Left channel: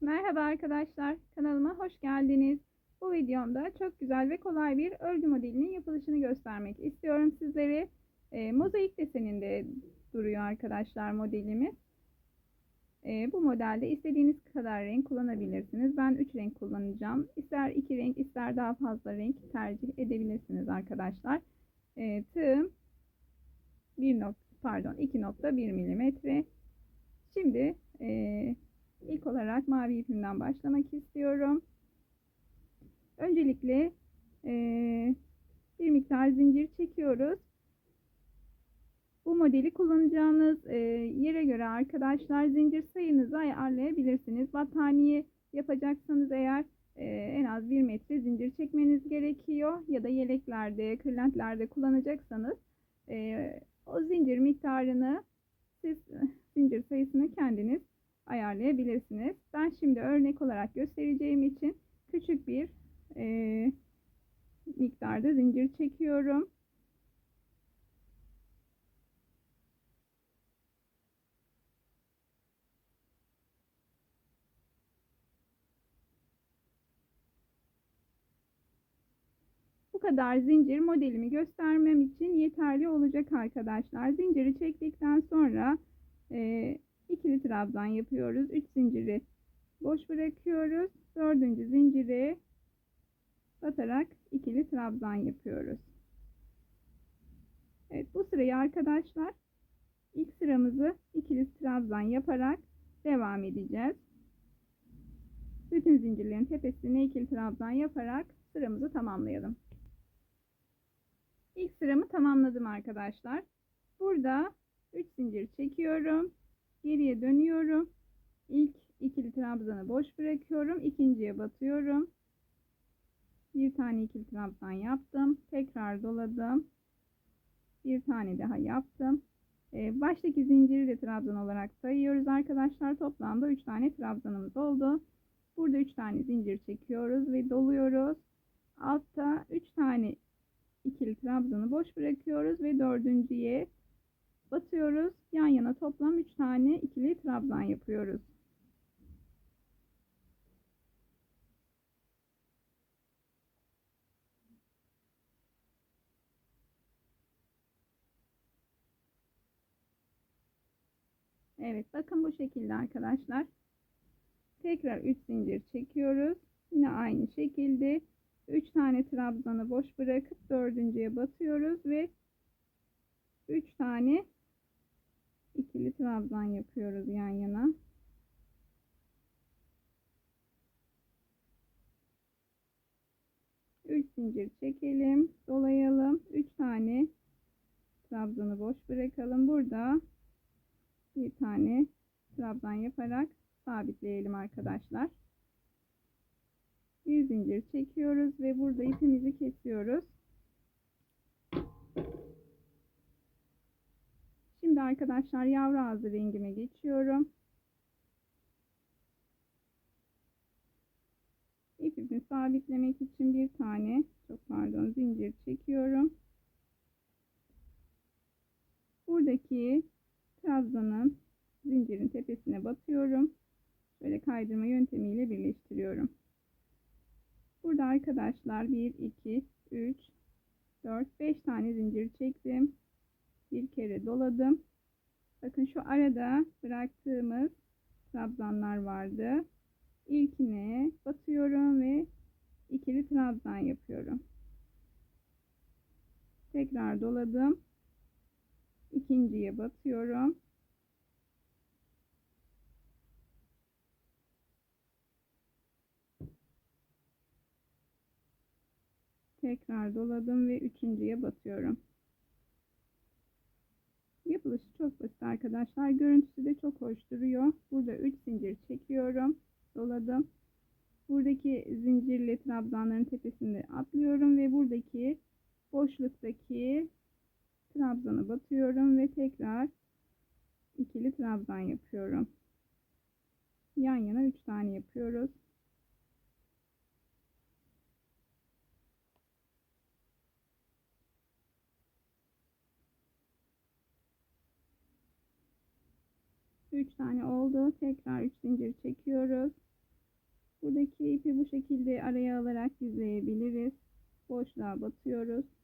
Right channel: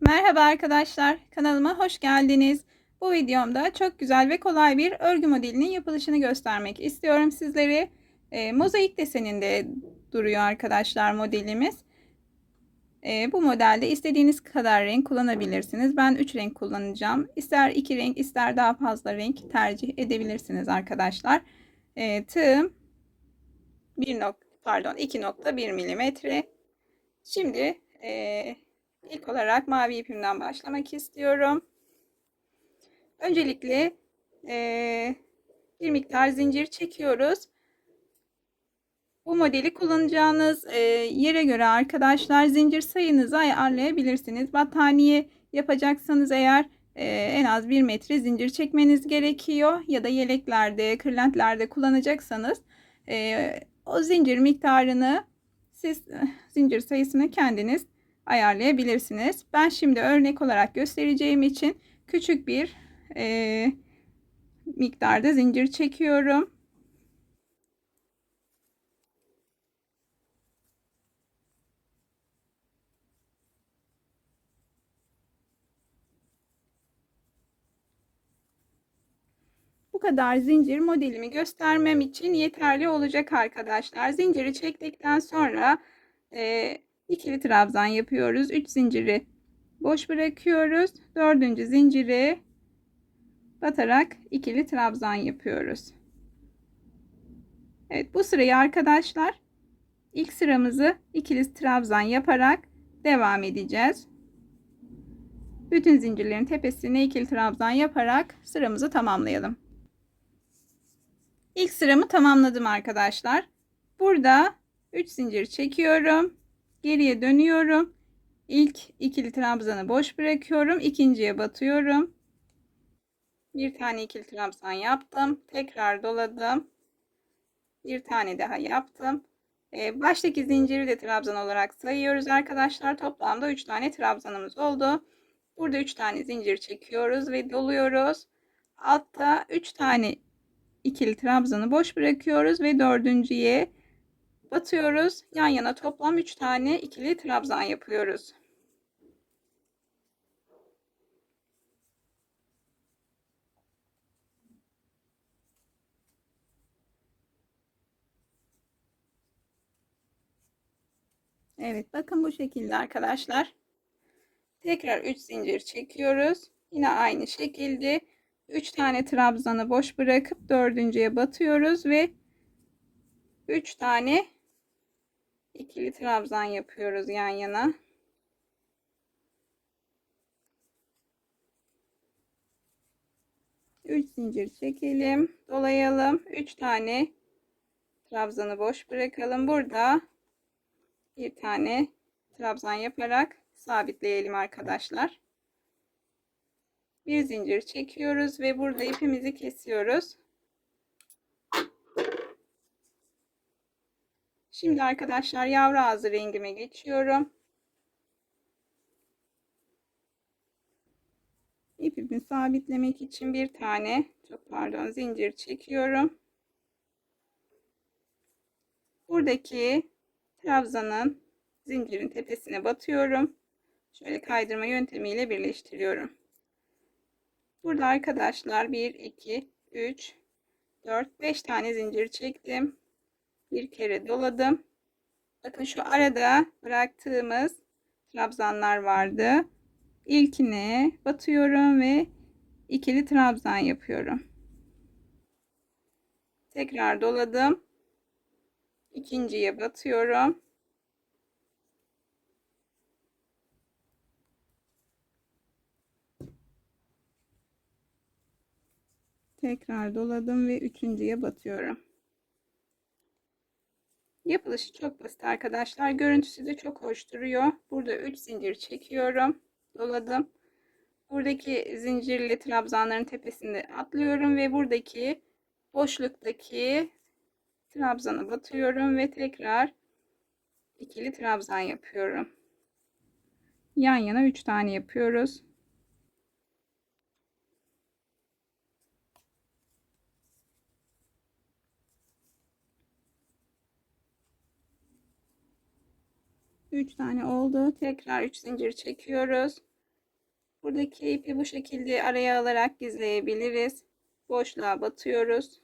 Merhaba arkadaşlar, kanalıma hoş geldiniz. Bu videomda çok güzel ve kolay bir örgü modelinin yapılışını göstermek istiyorum sizlere. E, mozaik deseninde duruyor arkadaşlar modelimiz. E, bu modelde istediğiniz kadar renk kullanabilirsiniz. Ben 3 renk kullanacağım. İster 2 renk ister daha fazla renk tercih edebilirsiniz arkadaşlar. E, tığım 1 nok pardon 2.1 milimetre. Şimdi e, İlk olarak mavi ipimden başlamak istiyorum. Öncelikle e, bir miktar zincir çekiyoruz. Bu modeli kullanacağınız e, yere göre arkadaşlar zincir sayınızı ayarlayabilirsiniz. Battaniye yapacaksanız eğer e, en az 1 metre zincir çekmeniz gerekiyor. Ya da yeleklerde, kırlentlerde kullanacaksanız e, o zincir miktarını siz zincir sayısını kendiniz ayarlayabilirsiniz. Ben şimdi örnek olarak göstereceğim için küçük bir e, miktarda zincir çekiyorum. Bu kadar zincir modelimi göstermem için yeterli olacak arkadaşlar. Zinciri çektikten sonra e, ikili trabzan yapıyoruz. 3 zinciri boş bırakıyoruz. Dördüncü zinciri batarak ikili trabzan yapıyoruz. Evet bu sırayı arkadaşlar ilk sıramızı ikili trabzan yaparak devam edeceğiz. Bütün zincirlerin tepesine ikili trabzan yaparak sıramızı tamamlayalım. İlk sıramı tamamladım arkadaşlar. Burada 3 zincir çekiyorum. Geriye dönüyorum. İlk ikili trabzanı boş bırakıyorum. ikinciye batıyorum. Bir tane ikili trabzan yaptım. Tekrar doladım. Bir tane daha yaptım. Ee, baştaki zinciri de trabzan olarak sayıyoruz arkadaşlar. Toplamda 3 tane trabzanımız oldu. Burada 3 tane zincir çekiyoruz ve doluyoruz. Altta 3 tane ikili trabzanı boş bırakıyoruz ve dördüncüye batıyoruz. Yan yana toplam 3 tane ikili trabzan yapıyoruz. Evet bakın bu şekilde arkadaşlar. Tekrar 3 zincir çekiyoruz. Yine aynı şekilde 3 tane trabzanı boş bırakıp dördüncüye batıyoruz ve 3 tane ikili trabzan yapıyoruz yan yana. Üç zincir çekelim, dolayalım. Üç tane trabzanı boş bırakalım. Burada bir tane trabzan yaparak sabitleyelim arkadaşlar. Bir zincir çekiyoruz ve burada ipimizi kesiyoruz. Şimdi arkadaşlar yavru ağzı rengime geçiyorum. İpimi sabitlemek için bir tane çok pardon zincir çekiyorum. Buradaki trabzanın zincirin tepesine batıyorum. Şöyle kaydırma yöntemiyle birleştiriyorum. Burada arkadaşlar 1 2 3 4 5 tane zincir çektim bir kere doladım. Bakın şu arada bıraktığımız trabzanlar vardı. İlkine batıyorum ve ikili trabzan yapıyorum. Tekrar doladım. İkinciye batıyorum. Tekrar doladım ve üçüncüye batıyorum. Yapılışı çok basit arkadaşlar. Görüntüsü de çok hoş duruyor. Burada 3 zincir çekiyorum. Doladım. Buradaki zincirli trabzanların tepesinde atlıyorum ve buradaki boşluktaki trabzanı batıyorum ve tekrar ikili trabzan yapıyorum. Yan yana 3 tane yapıyoruz. 3 tane oldu. Tekrar 3 zincir çekiyoruz. Buradaki ipi bu şekilde araya alarak gizleyebiliriz. Boşluğa batıyoruz.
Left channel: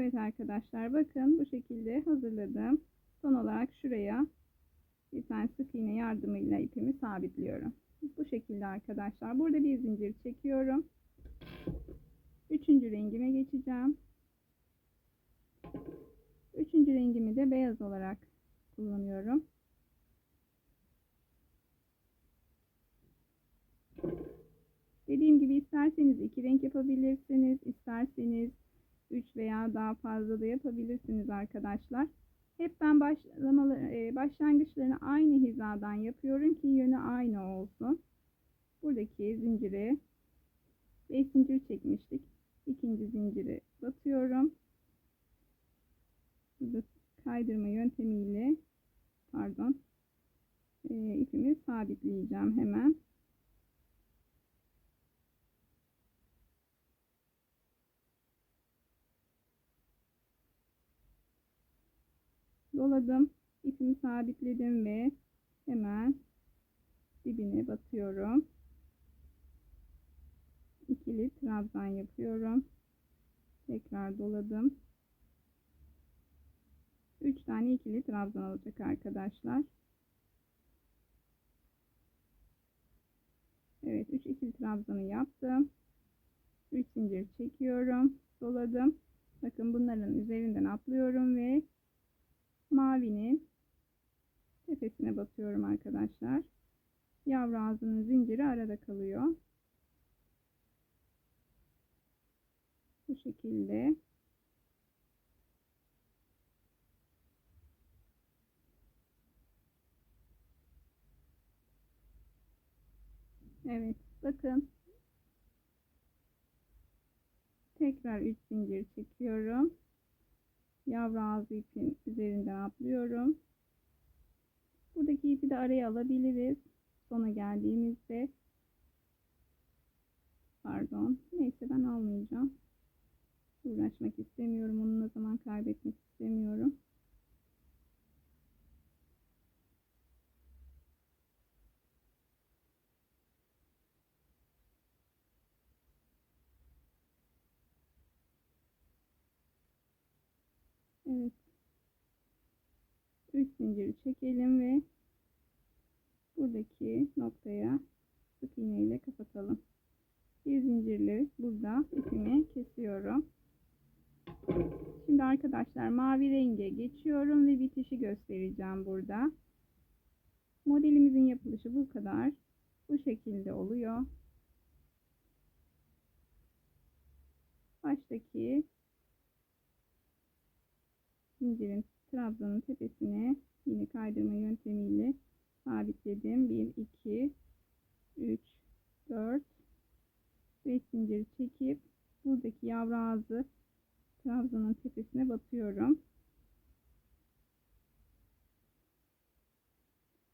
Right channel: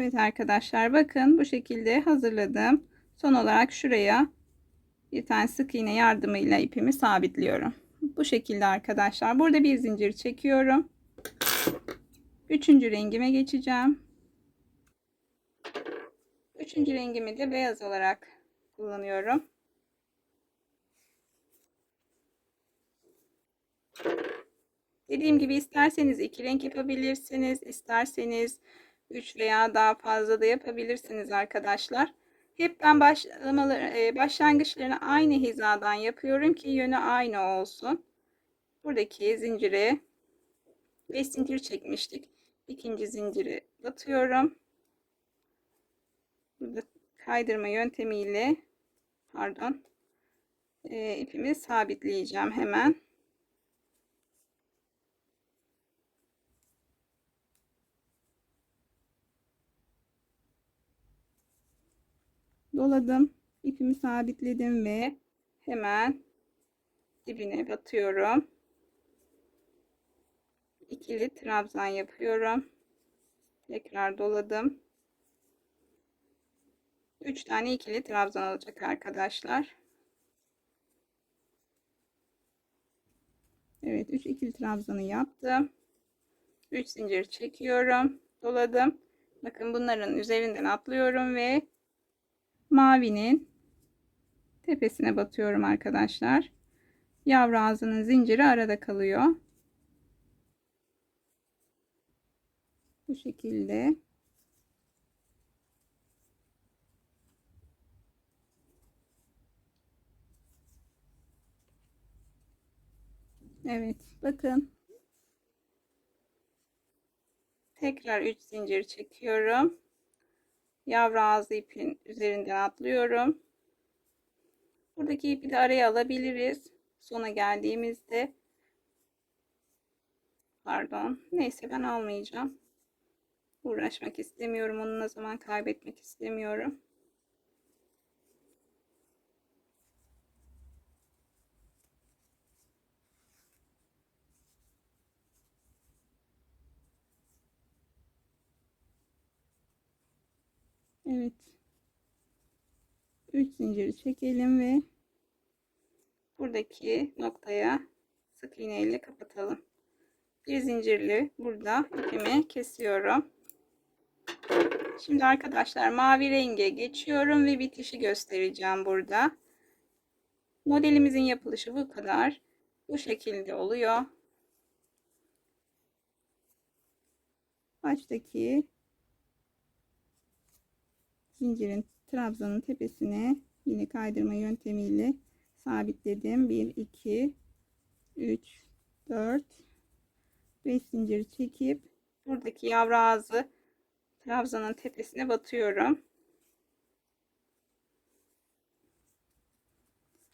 Evet arkadaşlar bakın bu şekilde hazırladım. Son olarak şuraya bir tane sık iğne yardımıyla ipimi sabitliyorum. Bu şekilde arkadaşlar. Burada bir zincir çekiyorum. Üçüncü rengime geçeceğim. Üçüncü rengimi de beyaz olarak kullanıyorum. Dediğim gibi isterseniz iki renk yapabilirsiniz. isterseniz 3 veya daha fazla da yapabilirsiniz arkadaşlar. Hep ben başlamaları, başlangıçlarını aynı hizadan yapıyorum ki yönü aynı olsun. Buradaki zincire 5 zincir çekmiştik. İkinci zinciri batıyorum. Burada kaydırma yöntemiyle pardon e, ipimi sabitleyeceğim hemen. Doladım. ipimi sabitledim ve hemen dibine batıyorum. İkili trabzan yapıyorum. Tekrar doladım. 3 tane ikili trabzan olacak arkadaşlar. Evet 3 ikili trabzanı yaptım. 3 zincir çekiyorum. Doladım. Bakın bunların üzerinden atlıyorum ve mavinin tepesine batıyorum arkadaşlar. Yavru ağzının zinciri arada kalıyor. Bu şekilde. Evet bakın. Tekrar 3 zincir çekiyorum yavru ağzı ipin üzerinden atlıyorum. Buradaki ipi de araya alabiliriz. Sona geldiğimizde pardon neyse ben almayacağım. Uğraşmak istemiyorum. Onunla zaman kaybetmek istemiyorum. Evet. 3 zinciri çekelim ve buradaki noktaya sık iğne ile kapatalım. Bir zincirli burada ipimi kesiyorum. Şimdi arkadaşlar mavi renge geçiyorum ve bitişi göstereceğim burada. Modelimizin yapılışı bu kadar. Bu şekilde oluyor. Baştaki zincirin trabzanın tepesine yine kaydırma yöntemiyle sabitledim. 1 2 3 4 5 zincir çekip buradaki yavru ağzı trabzanın tepesine batıyorum.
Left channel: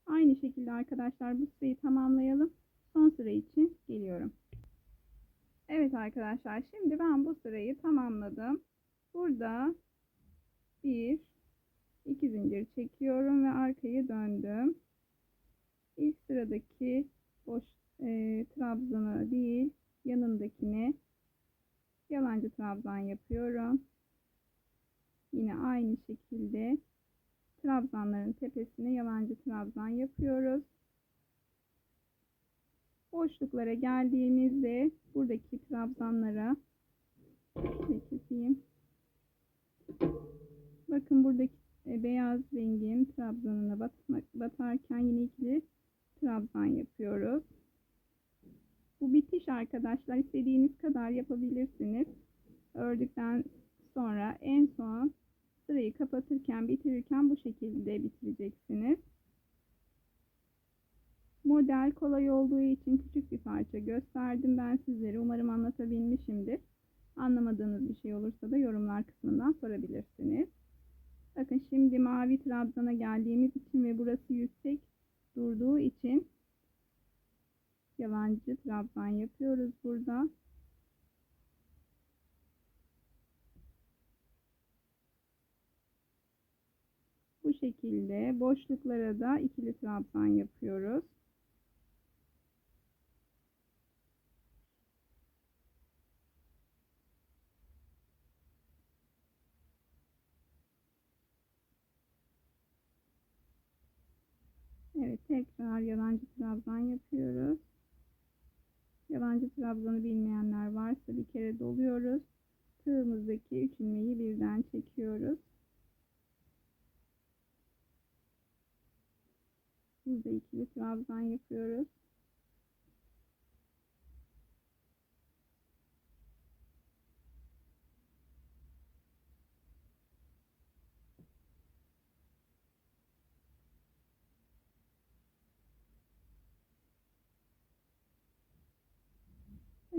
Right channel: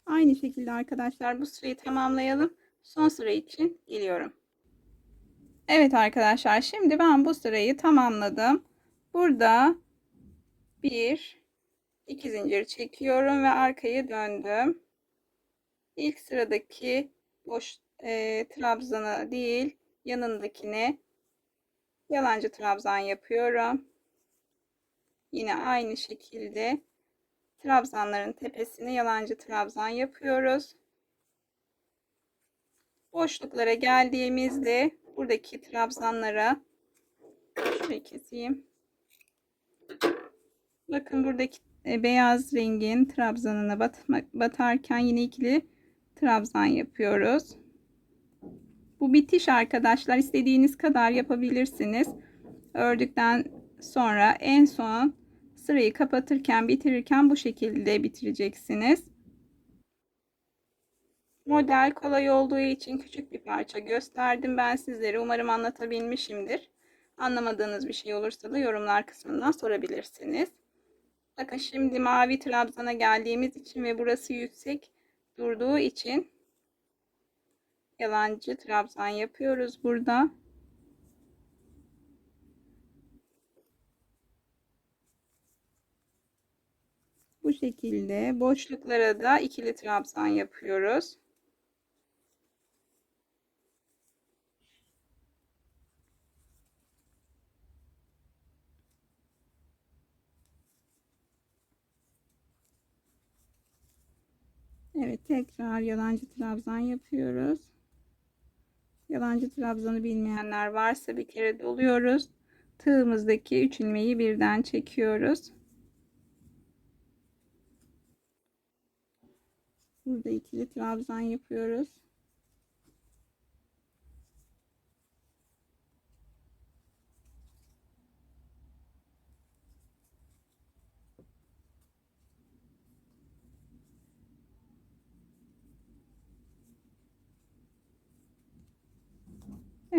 Aynı şekilde arkadaşlar bu sırayı tamamlayalım. Son sıra için geliyorum. Evet arkadaşlar şimdi ben bu sırayı tamamladım. Burada bir iki zincir çekiyorum ve arkayı döndüm. İlk sıradaki boş e, trabzanı değil yanındakine yalancı trabzan yapıyorum. Yine aynı şekilde trabzanların tepesine yalancı trabzan yapıyoruz. Boşluklara geldiğimizde buradaki trabzanlara şöyle keseyim. Bakın buradaki e, beyaz rengin trabzanına batmak, batarken yine ikili trabzan yapıyoruz. Bu bitiş arkadaşlar istediğiniz kadar yapabilirsiniz. Ördükten sonra en son sırayı kapatırken bitirirken bu şekilde bitireceksiniz. Model kolay olduğu için küçük bir parça gösterdim ben sizlere. Umarım anlatabilmişimdir. Anlamadığınız bir şey olursa da yorumlar kısmından sorabilirsiniz. Bakın şimdi mavi trabzana geldiğimiz için ve burası yüksek durduğu için yalancı trabzan yapıyoruz burada. Bu şekilde boşluklara da ikili trabzan yapıyoruz. Evet tekrar yalancı trabzan yapıyoruz. Yalancı trabzanı bilmeyenler varsa bir kere doluyoruz. Tığımızdaki üç ilmeği birden çekiyoruz. Burada ikili trabzan yapıyoruz.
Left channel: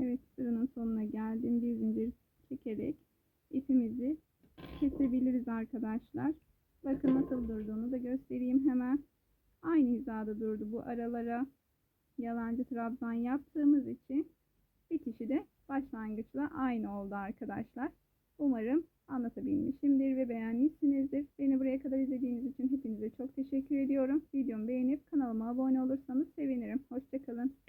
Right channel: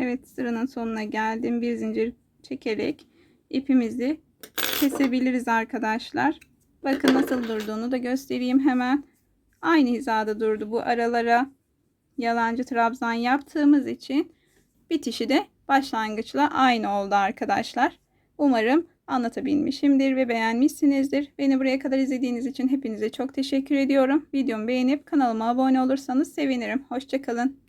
Evet sıranın sonuna geldim. Bir zincir çekerek ipimizi kesebiliriz arkadaşlar. Bakın nasıl durduğunu da göstereyim hemen. Aynı hizada durdu bu aralara. Yalancı trabzan yaptığımız için bitişi de başlangıçla aynı oldu arkadaşlar. Umarım anlatabilmişimdir ve beğenmişsinizdir. Beni buraya kadar izlediğiniz için hepinize çok teşekkür ediyorum. Videomu beğenip kanalıma abone olursanız sevinirim. Hoşçakalın.